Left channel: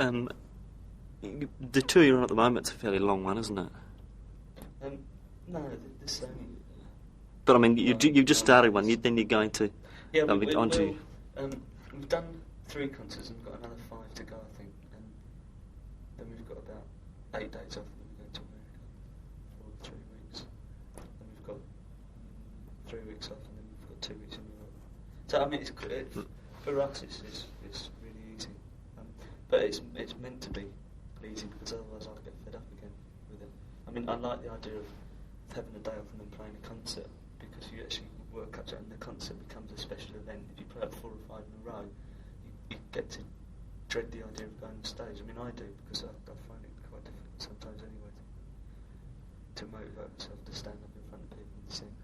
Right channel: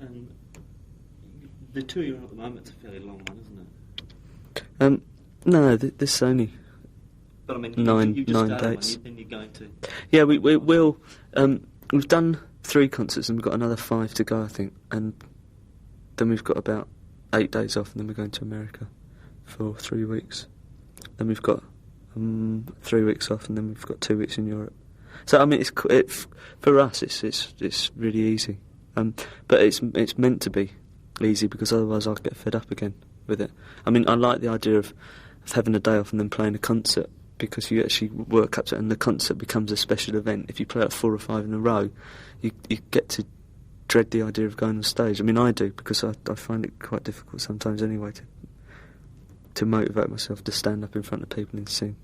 The tour you're on at the moment's a fairly long one, isn't it? No, this only. But I mean, you just started one. Then you're going to. Yeah, we'll. We've done 3 concerts and we've got another 5 to go, I think, and then we've got about 8 days off, and then we're going to America for 3 weeks. Then we've got 3 weeks off, and then we've got 2 weeks in Europe. So I mean, for us, it's really easy, but it's meant to be easy because otherwise I'll get fed up again with it. I mean, I like the idea of having a day off and then playing a concert, because you actually work up to it and the concert becomes a special event. If you play like 4 or 5 in a row, you get to dread the idea of going on stage. I mean, I do, because I find it quite difficult sometimes anyway to motivate myself to stand up in front of people and sing.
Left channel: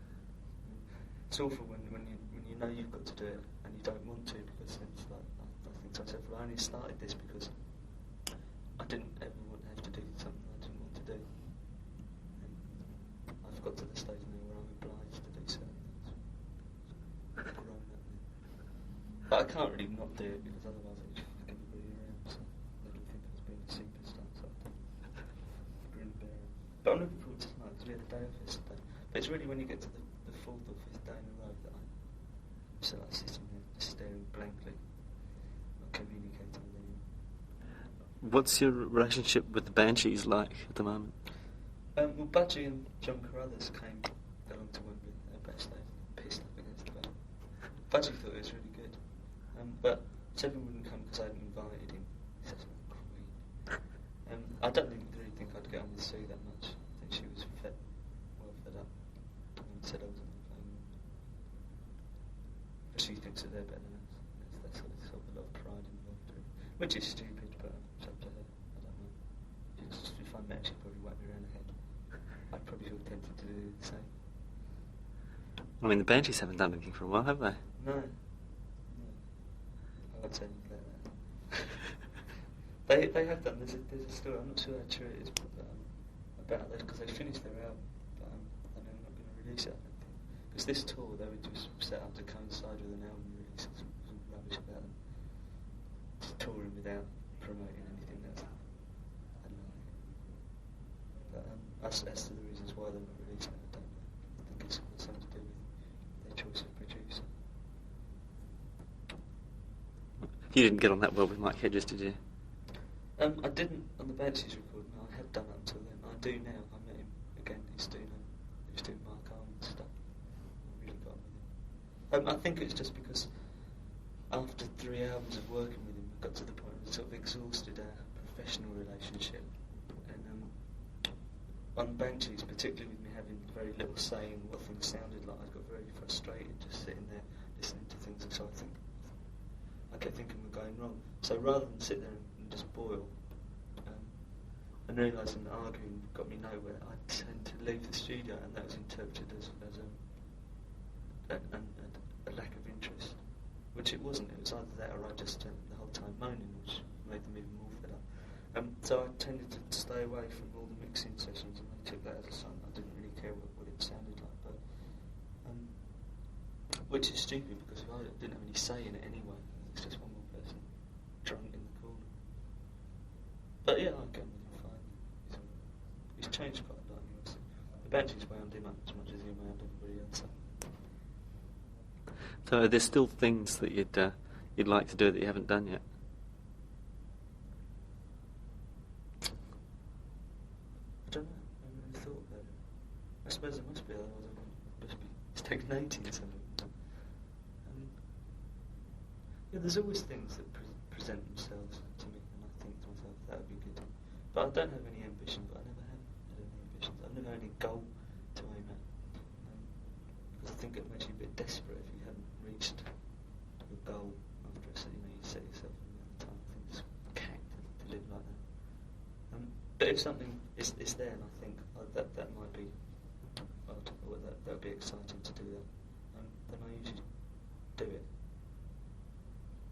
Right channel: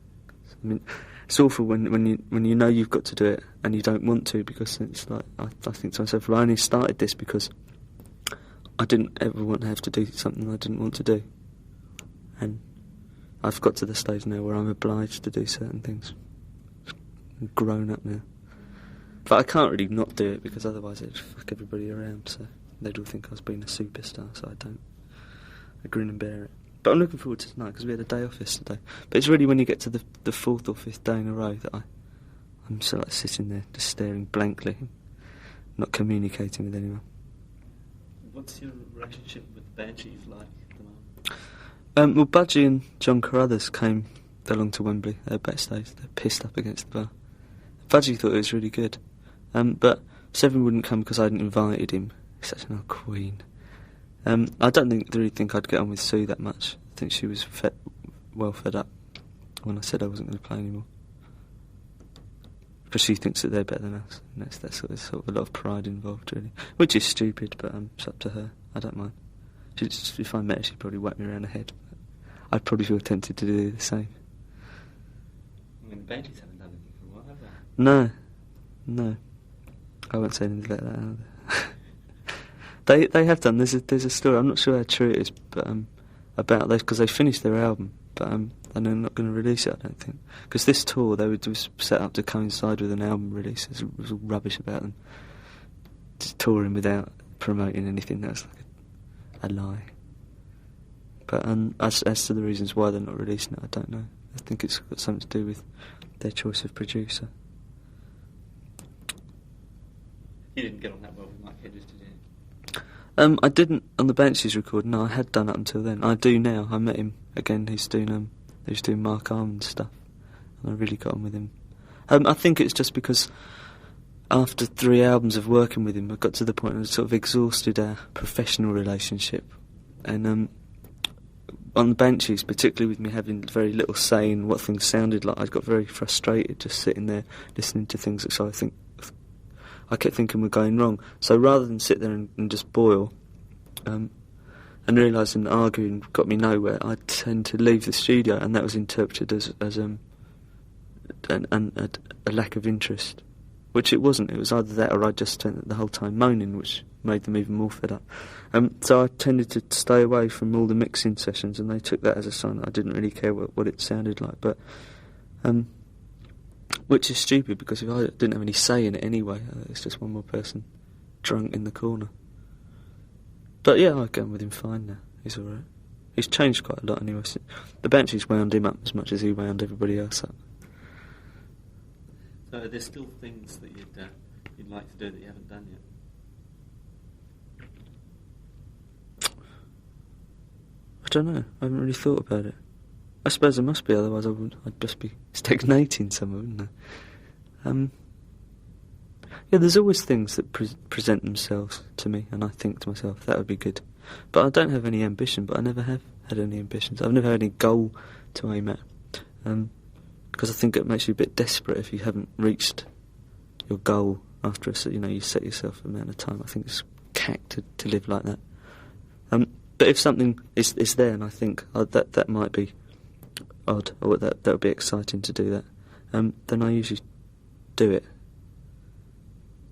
I mean, it's awful when you know you've got to do it and you don't want to, because it's like, I think to myself, well, I only started this because I didn't ever want to have to do something I didn't want to do. And I've got to the stage now where I'm obliged to do certain things. I'm grown up now. But I can't really not do it, because otherwise it'd fuck everybody around, so they'd all think I was being a superstar, so I don't. I grin and bear it. But I'm looking forward to tonight, because we had a day off yesterday. But it's really when you get to the 4th or 5th day in a row that I'm sort of like sitting there just staring blankly, not communicating with anyone. What's your relationship with the Banshees like at the moment? Well, Budgie and John Carruthers came along to Wembley. They're backstage. They're pissed up against the bar. Budgie thought it was really good. But Severin wouldn't come because I hadn't invited him. He's such an old queen. I don't really think I'd get on with Sue that much. I think she was well fed up when I said I wasn't going to play anymore. Because she thinks that they're better than us. And that's sort of a lot of pride involved, really. Which is stupid, but it's up to her. I don't mind. If I met her, she'd probably whack me around the head. I'd probably feel tempted to do the same. I mean, the Banshees haven't done anything for a while, have they? No. I won't say anything like that. They have done. There's a story. I'm not sure how true it is, but about this, because they finished their album, but and they're not going to release it, I don't think. Because this tour was set up to coincide with an album release. It was all rubbish about them just touring without promoting anything. That's like a lie. But as to the reasons why they're not releasing it, I don't know. I think it's got something to do with their choice of producer. You didn't get on that well with Mike Hedges, did you? I didn't on the Banshees recording. No, I had done up until then. I do now. I met him again. He's doing Mark Armand stuff, and I really got on with him. I think it's just because after 3 albums of working with him, I got to the point where I sort of exhausted our professional relationship, and on the Banshees, particularly with me having very little say in what things sounded like, I got very frustrated just sitting there listening to things. So I kept thinking we're going wrong. So rather than sit there and just boil, and realising that arguing got me nowhere, I tend to leave the studio, and that was interpreted as a lack of interest, which it wasn't. It was either that or I just spent the whole time moaning, which made them even more fed up. So I tended to stay away from all the mixing sessions, and they took that as a sign that I didn't really care what it sounded like. But which is stupid, because if I didn't have any say in it anyway, it's just one more person drunk in the corner. But yeah, I get on with him fine now. He's alright. He's changed quite a lot anyway. The Banshees wound him up as much as he wound everybody else up. So are there still things that you'd like to do that you haven't done yet? I don't know. I haven't really thought about it. I suppose there must be, otherwise I'd just be stagnating somewhere, wouldn't I? Yeah, there's always things that present themselves to me, and I think to myself, that would be good. But I don't have any ambition, but I never have had any ambitions. I've never had any goal to aim at. Because I think it makes you a bit desperate if you haven't reached your goal after you set yourself an amount of time. I think it's cack to live like that. But if something is there, and I think that might be odd, or that would be exciting to do that, then I usually do it.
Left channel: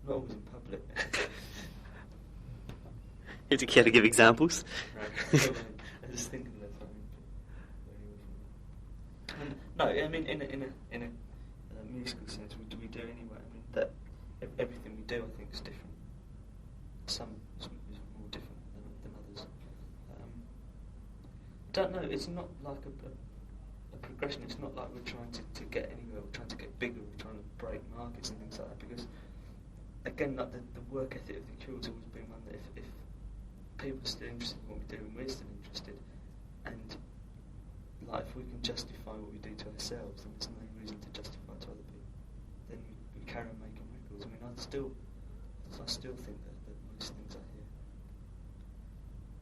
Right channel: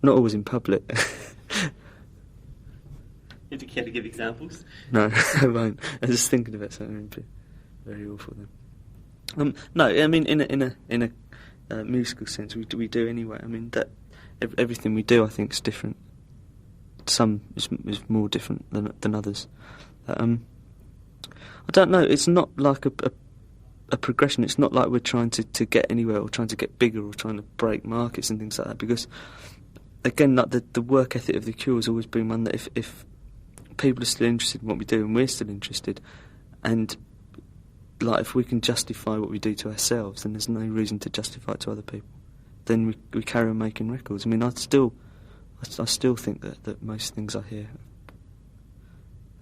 Not always in public. Do you care to give examples? No, I won't. I was just thinking about something very awful then. No, I mean in a musical sense, we do anyway. I mean that everything we do, I think, is different. some is more different than others. I don't know. It's not like a progression. It's not like we're trying to get anywhere or trying to get bigger or trying to break markets and things like that. Because again, like the work ethic of the Cure has always been one that if people are still interested in what we do and we're still interested, and like if we can justify what we do to ourselves, then there's no reason to justify it to other people. Then we carry on making records. I mean, I still think that most things I hear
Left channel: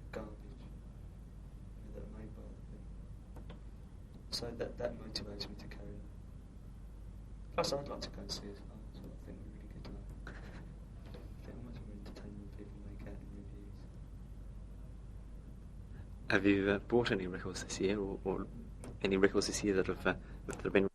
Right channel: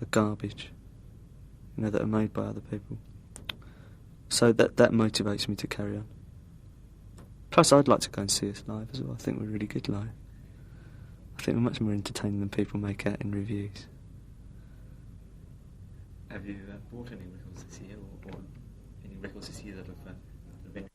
are garbage, you know, that are made by other people. So that motivates me to carry on. Plus, I'd like to go and see us live as well. I think we're really good live. I think we're much more entertaining than people make out in reviews. Have you bought any records this year, or any records this year that have been?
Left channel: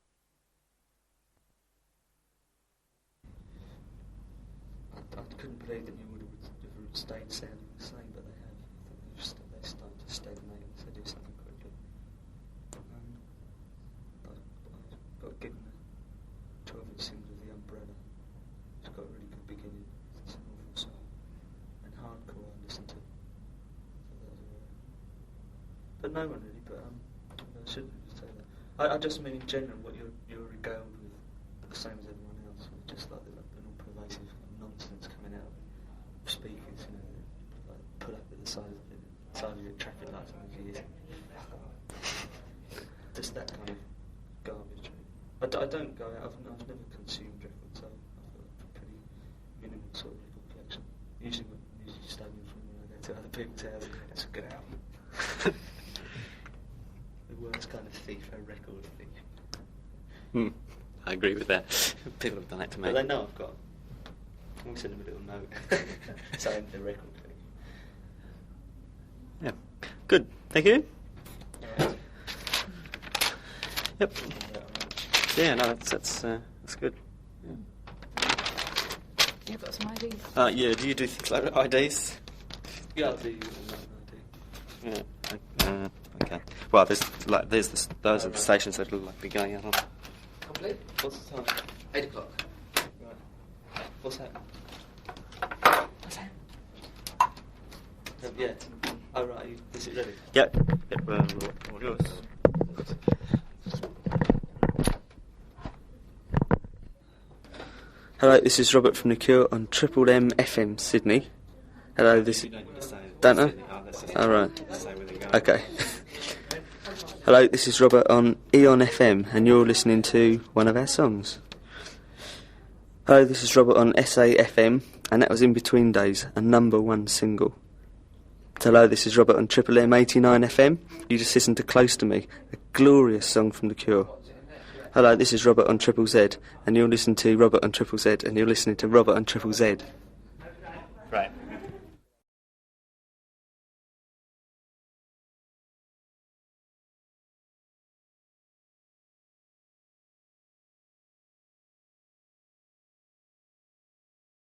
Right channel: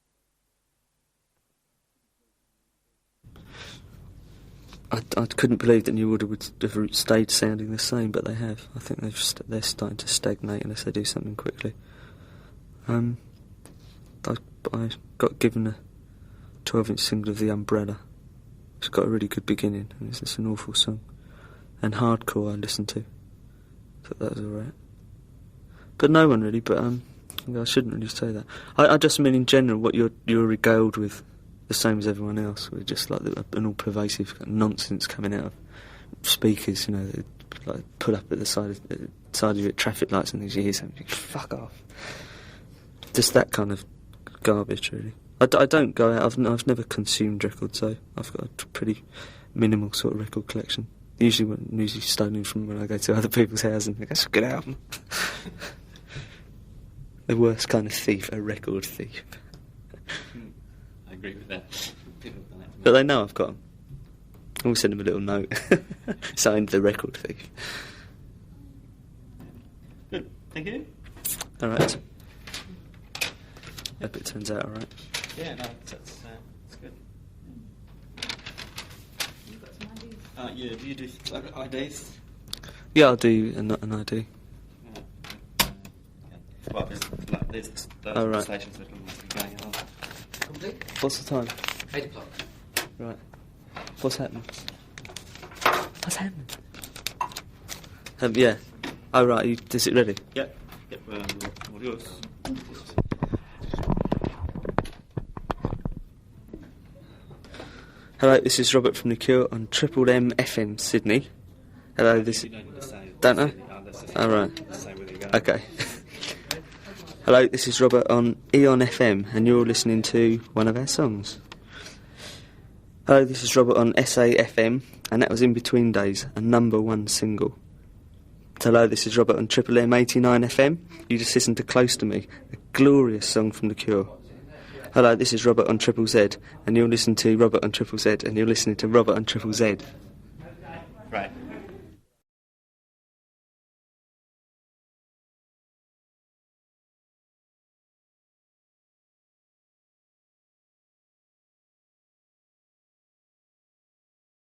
I couldn't believe that New Order would have stayed sounding the same, but they have. I think they're starting to stagnate unless they do something quickly. I got given a 12-inch single of The Umbrella. It's got a really good beginning, and it's an awful song. And Hardcore I listened to. Thought that was alright. But no one really, but I shouldn't really say that. I just mean in general what you're regaled with, the same as everyone else. We're just like an all-pervasive nonsense coming out of speakers, you know, that, like put up at the side of your traffic lights and things. You hear something, fuck off. Just that kind of garbage, really. I don't go out. I've never consumed records, so I've got a pretty minimal sort of record collection. Usually stolen from when I go to other people's houses. I go, that's a good album. The worst kind of thief, a record thief. I agree with that. People have done that to me. But they know I've got them. I'll send them a little note. Signed The Record Thief. Yeah. Good. Thank you. All right. Yep. Hope it turns out all right. Yeah, no, that's good. You've got some IDs. Yeah, do you do things like IDs? Yeah, I'll do an ID. Yeah. Okay. Well, there's those at the stations that will be going out on. Complete? What's the time? 8 o'clock. Right. What's happening? What's happening? Yeah. Oh, right. Is it ready? Yep. All yours. Hello, this is Robert from The Cure on Triple M FM Sydney. This You don't need to say. Don't know? All right. Say where they go. Okay. Hello, this is Robert on Eon FM, and you're listening to one of our songs. Hello, this is Robert on SAFM, and that was In Between Days, a #1 single. Hello, this is Robert on Triple M 89 FM. You just listened to Close to Me, a glorious song from The Cure. Hello, this is Robert on Triple Z, and you're listening to Robert on Triple Z, and you're listening to Robert on Triple Z. Right.